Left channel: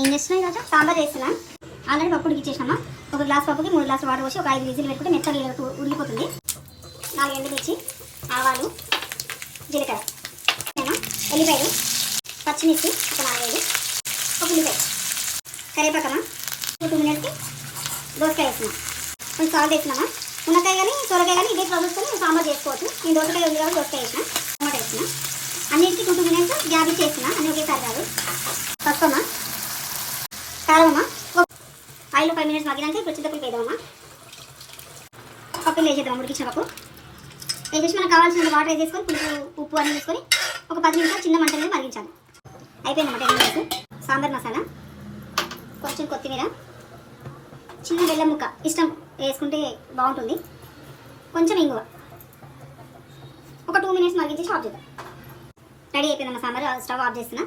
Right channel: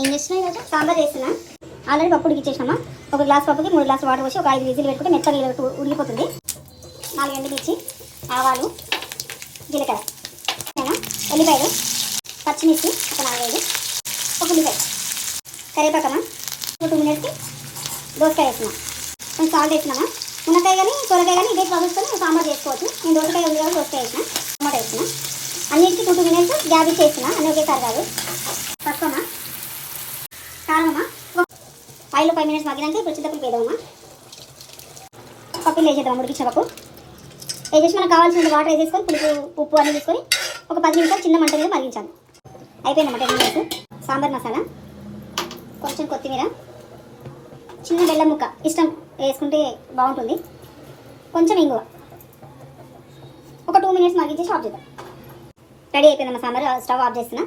ఏం చేస్తున్నావు ఈరోజు? సాంబార్ చేస్తున్నా. ఆల్రెడీ పప్పు ఉడికిచ్చేసినామా. ఒక గ్లాస్ పప్పుకి 3 గ్లాసులు వాటర్ పోసి ఒక 5 విజిల్ పెట్టుకుంటే మెత్తగా ఉడికిపోతుంది. 4 ఎండుమిర్చి, ఆవాలు, జీలకర్ర, ఉల్లిపాయలు, పచ్చిమిర్చి ఒక 4-5, ఒక ఉల్లిపాయ, కరివేపాకమా. 2 మినిట్స్కి దోసకాయ వేస్తున్నాం. కొంచెం సాల్ట్ వేస్తున్నామా. మునక్కాయ కానీ సొరకాయ కానీ ఇదే ప్రాసెస్తో సాంబార్ చేసుకోవచ్చు. నేను దోసకాయ ఉంది కాబట్టి దోసకాయ వేసిన, టమాటా వేసిన. అన్నిటికీ 2 మినిట్స్ గ్యాప్ ఇచ్చి వేస్తున్నా. అన్నీ ఒకేసారి కాదు. పసుపమ్మా, కారమమ్మా. ఆయిల్లో 5 మినిట్స్ మగ్గినాక ఇప్పుడు చింతపులుపు వేద్దామమ్మా. పప్పులు వేసేద్దాం. ఉడికించిన పప్పు వేసేసి మనకు కావాల్సిన వాటర్ వేసేసుకొని పులుపు ఉప్పు అన్నీ తీసుకొని ఒక 10 నిమిషాలు చిన్న మంట మీద మరిగించాలి. అయిపోయిందన్నమాట 10 మినిట్స్. సాంబార్ మసాలా, కొంచెం కొత్తిమీర, చిన్న బెల్లం ముక్క ఇష్టం వేసుకుంటే బాగుంటుంది, కొంచెం ఇంగువ, ఒక 2 మినిట్స్ మరిగించేసి ఆఫ్ చేద్దాం. రెడీ అయిపోయిందమ్మా సాంబార్. స్టవ్ ఆఫ్ చేస్తున్నా.